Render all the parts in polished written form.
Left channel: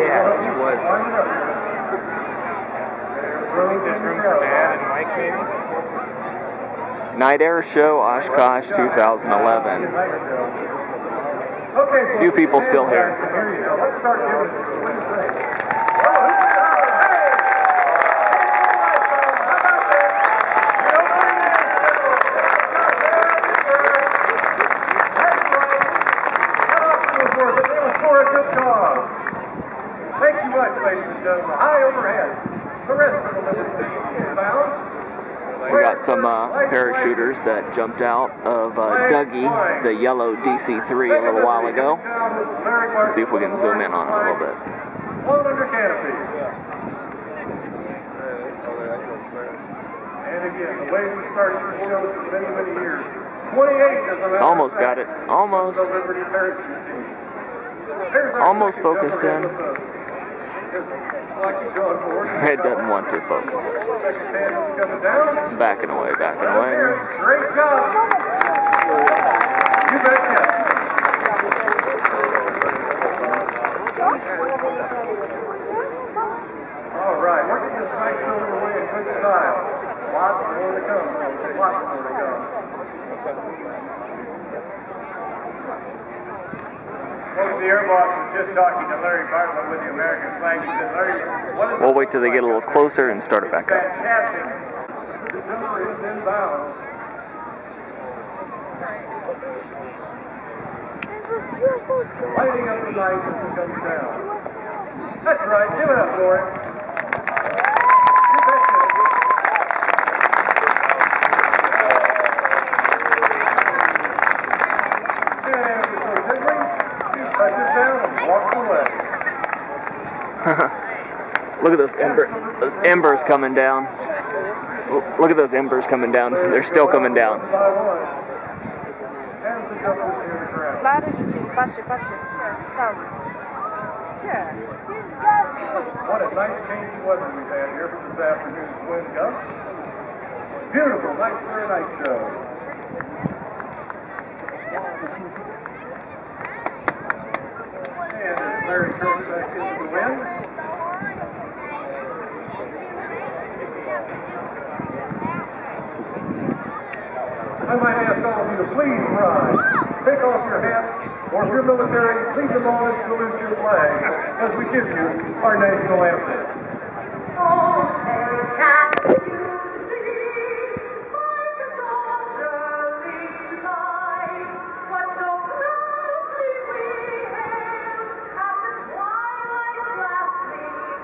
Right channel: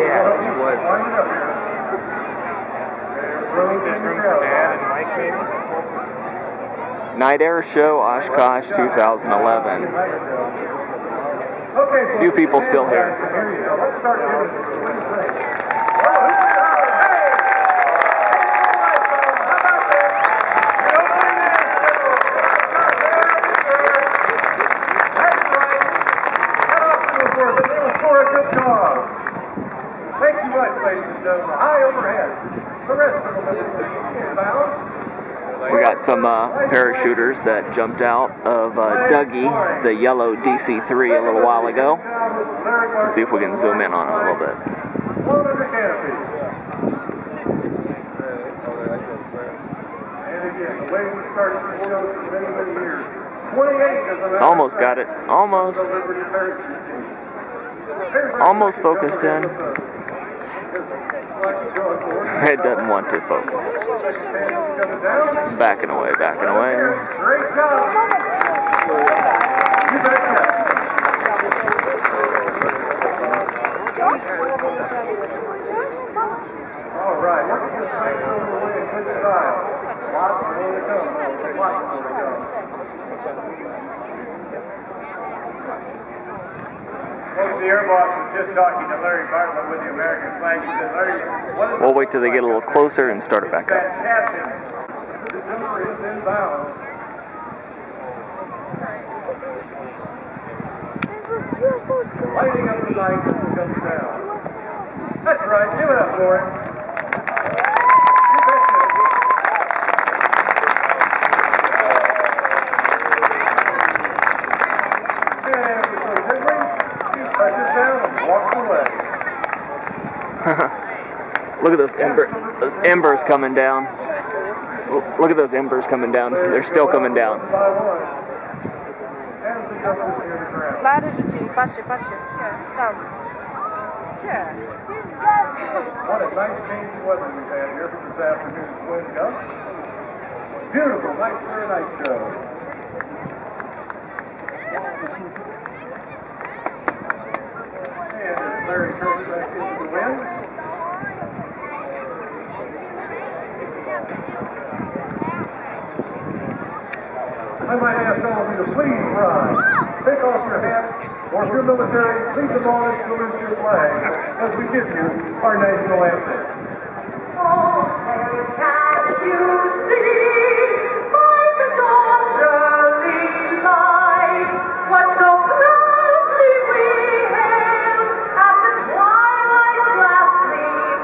Yeah, he was. This room for Dad and Mike, maybe? Night Air Show, Oshkosh, 2011. Few people still here. Thank you much, ladies and gentlemen. High overhead. The rest of the liberty is bound. We got some parachuters that jumped out of Duggy the Yellow DC3 a little while ago. Let's see if we can zoom in on it a little bit. Flown under canopy. And again, the way we started this show for many, many years. 28 Almost got it. Almost focused in. It doesn't want to focus. Backing away, backing away. Great job. You betcha. All right, look at this nice over away in good style. Lots more to come. Lots more to come. Folks, the Air Boss was just talking to Larry Bartlett with the American flag. He said, Larry, what is We'll wait till they get a little closer and start it back up. fantastic. This number is inbound. Lighting up the night as it comes down. That's right. Give it up, Lauren. You betcha. And so gently, he touches down and walks away. Look at those embers coming down. Look at those embers coming down. They're still coming down. Slide rzucili, patrzcie, patrzcie. Tam. Gdzie? What a nice change of weather we've had here for this afternoon's wind gust. Beautiful, nice clear night show. And as Larry turns back into the wind. I might ask all of you to please rise. Take off your hat, or if you're military, leave them on and salute your flag as we give you our national anthem. Oh, can you see by the dawn's early light what so proudly we hailed at the twilight's last gleam,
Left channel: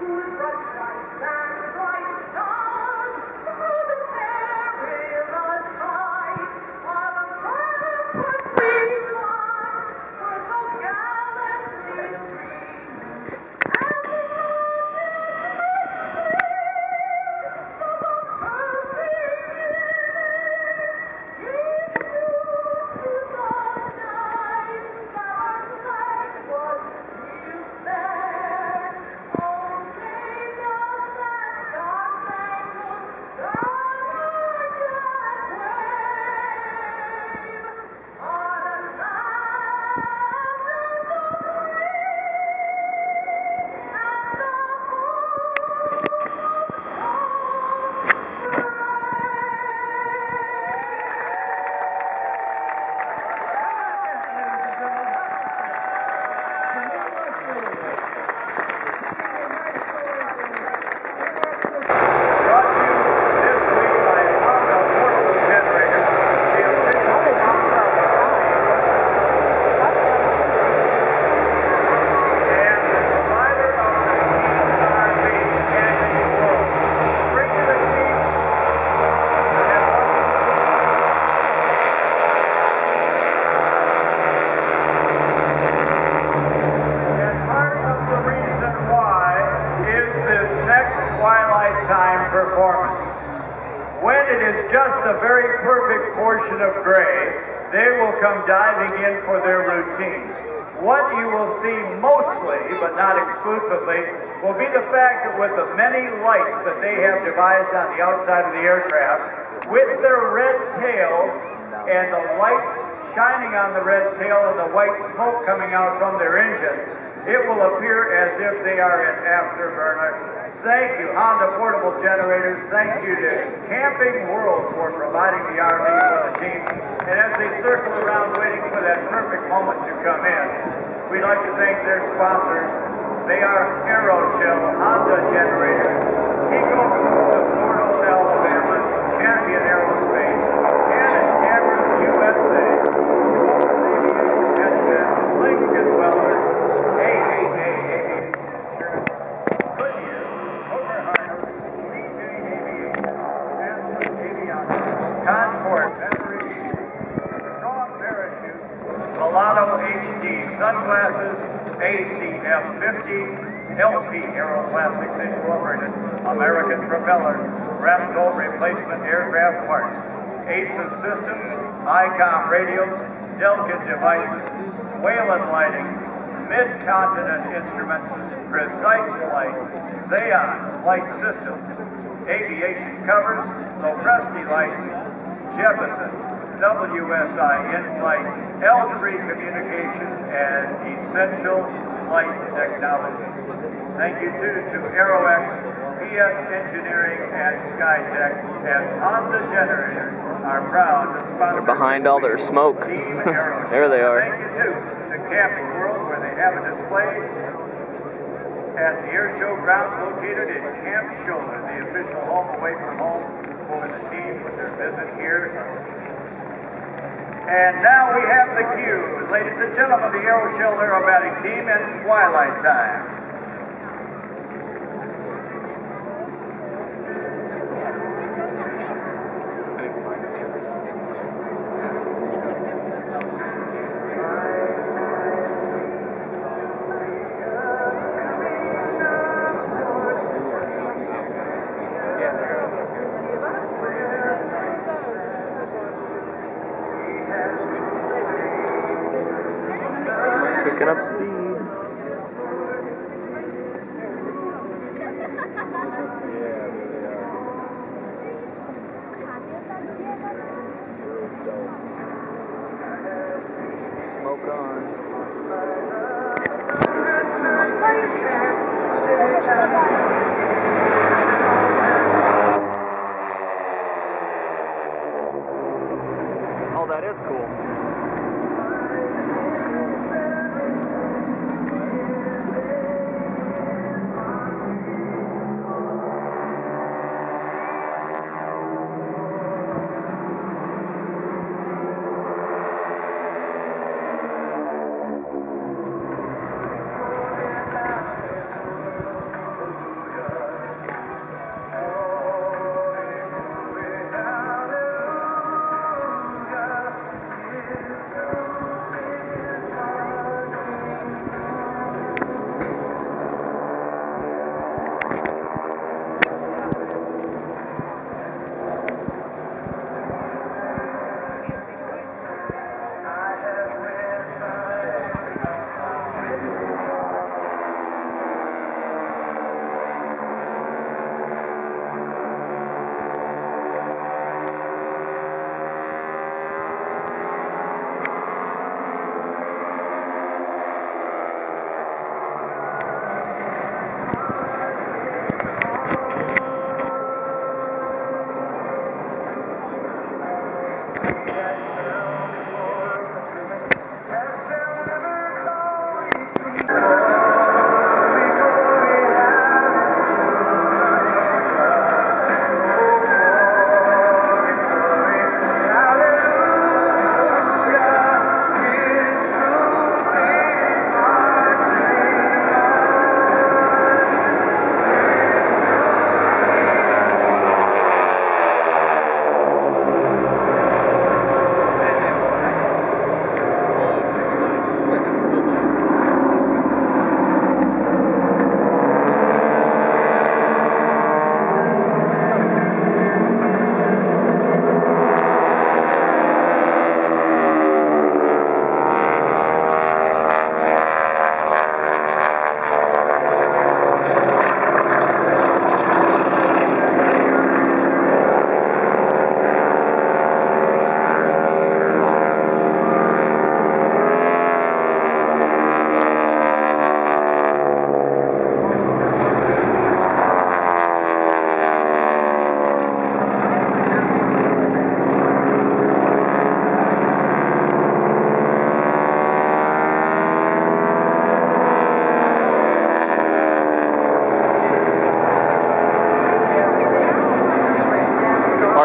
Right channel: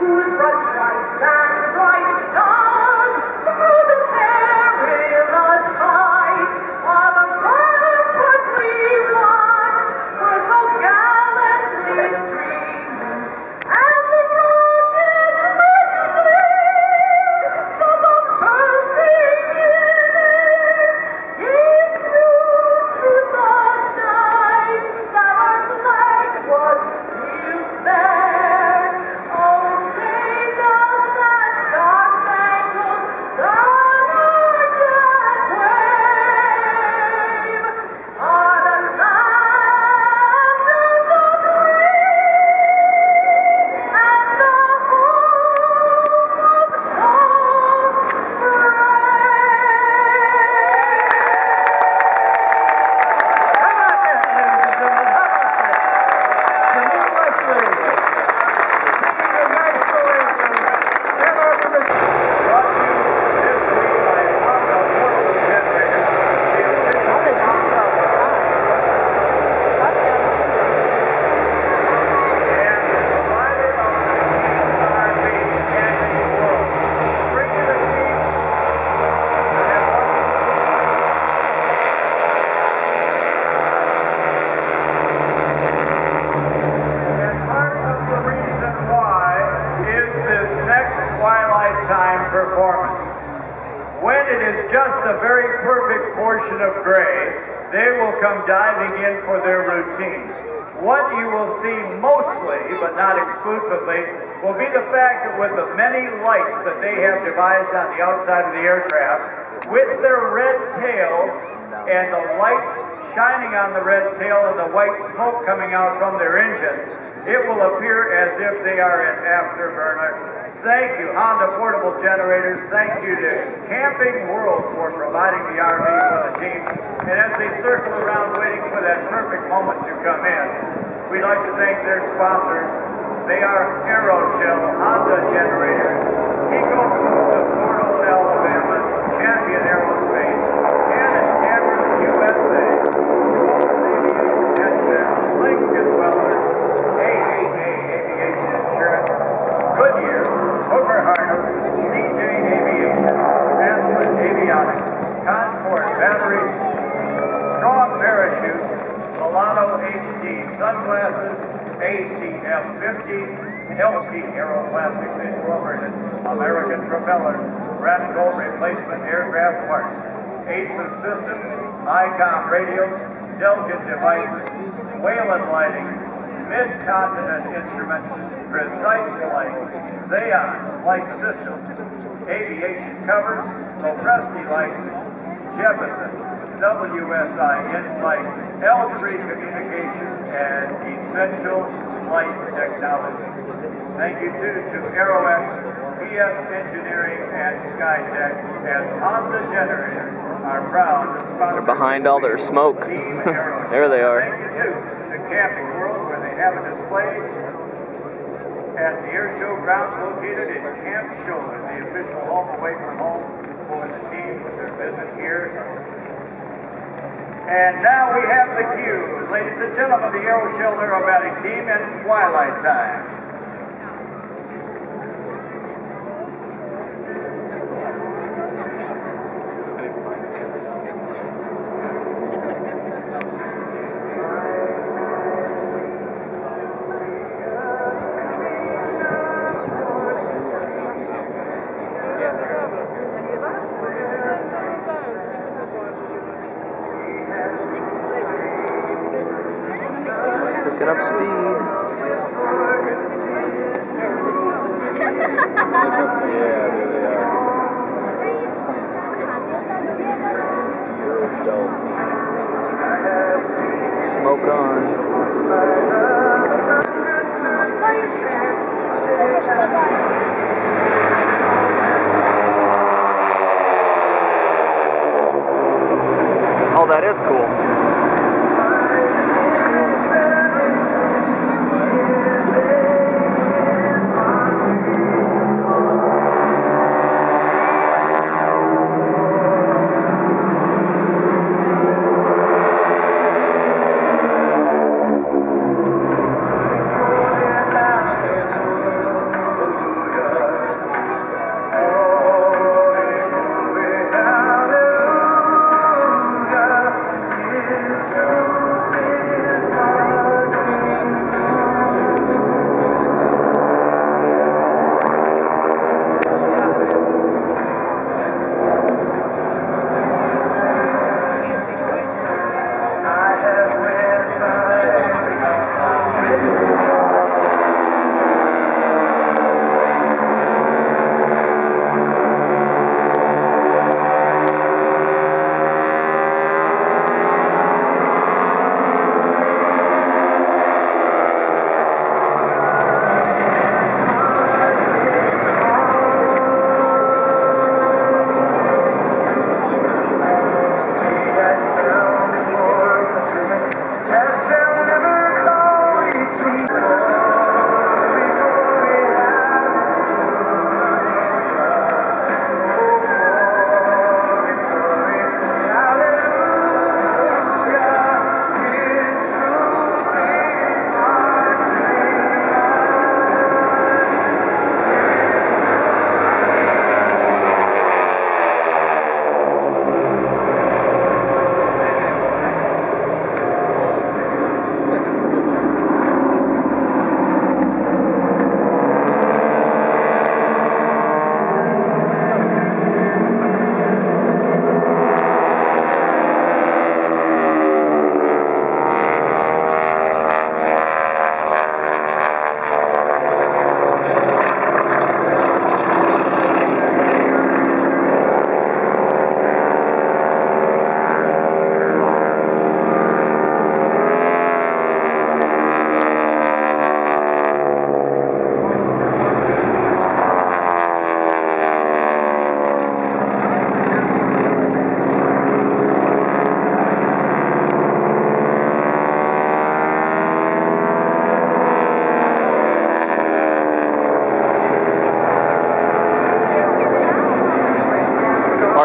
whose broad stripes and bright stars through the perilous fight of a ramparts we watched were so gallantly streamed, and the rockets the bombs bursting in air gave proof through the night that our flag was still there. Oh, say does that star-spangled banner yet wave o'er the land of the free and the home of the How about that, ladies and gentlemen? How about that? The new Wesley. Singing the national anthem and our permission. Brought to you this week by Honda Portable Generator. The official and provider of the RV annual world. Bring to the team and part of the reason why is this next Twilight Time performance. When it is just a very perfect portion of gray, they will come diving in for their routine. What you will see mostly, but not exclusively, will be the fact that with the many lights that they have devised on the outside of the aircraft, with their red tail and the lights shining on the red tail and the white smoke coming out from their engines, it will appear as if they are an afterburner. Thank you, Honda Portable Generators. Thank you to Camping World for providing the RV for the team. And as they circle around waiting for that perfect moment to come in, we'd like to thank their sponsors. They are AeroShell Honda Generators, Pico of Fort Old, Alabama, Champion Aerospace, Cannon Cameras USA, Headsets, Lincoln Welders, AAA Aviation Insurance, Goodyear, Hooker Harness, CJ Aviation, Aspen Avionics, Concord Batteries, Strong Parachute, Milano HD Sunglasses, ACF 50, LP Aeroplastics Incorporated, American Propeller, Rapco Replacement Aircraft Parts, ACES Systems, ICOM Radios, Delkin Devices, Whalen Lighting, Mid-Continent Instruments, Precise Flight, Xeon Flight Systems, Aviation Covers, Lopresti Lights, Jeppesen, WSI Insight, L3 Communications, and Essential Flight Technology. Thank you too to AeroX, PS Engineering, and Skytech, and Honda Generators are proud to sponsor. They're behind all their smoke. There they are. Thank you too to Camping World, where they have a display at the air show grounds located in Camp Shoulder, the official home away from home for the team with their visit here. And now we have the cue, ladies and gentlemen, the AeroShell Aerobatic Team and Twilight Time. Picking up speed. Smoke on. Oh, that is cool.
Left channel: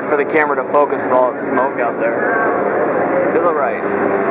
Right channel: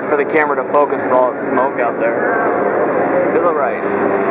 hard for the camera to focus with all the smoke out there. To the right.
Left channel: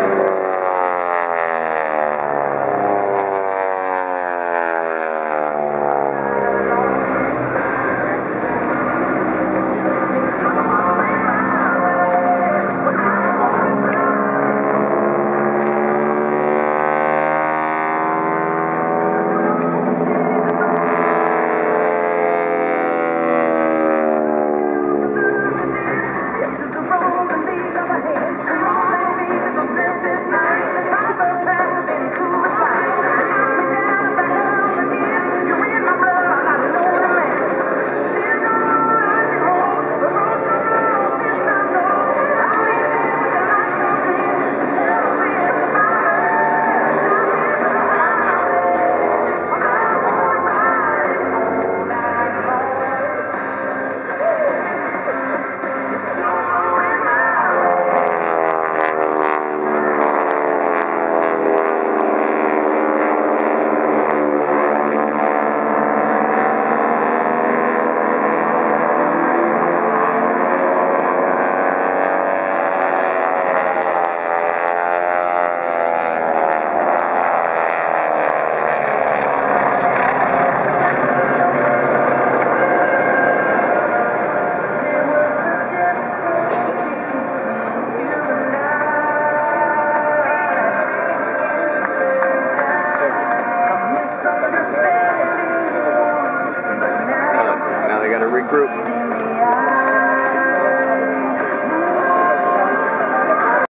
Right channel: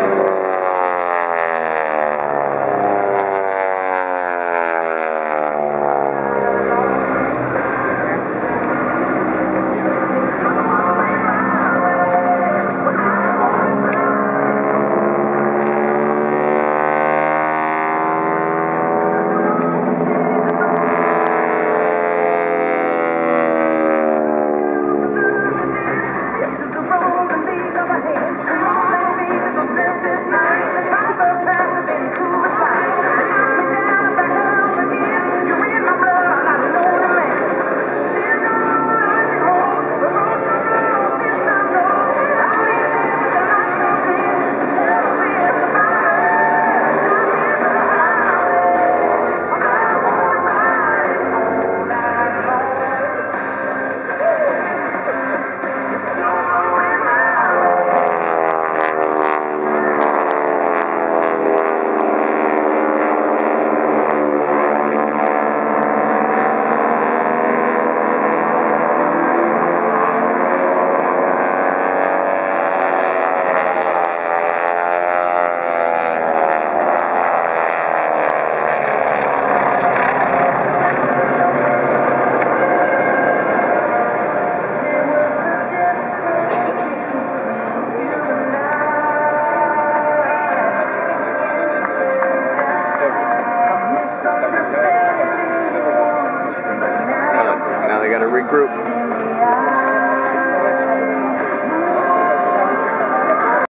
Now they gotta regroup.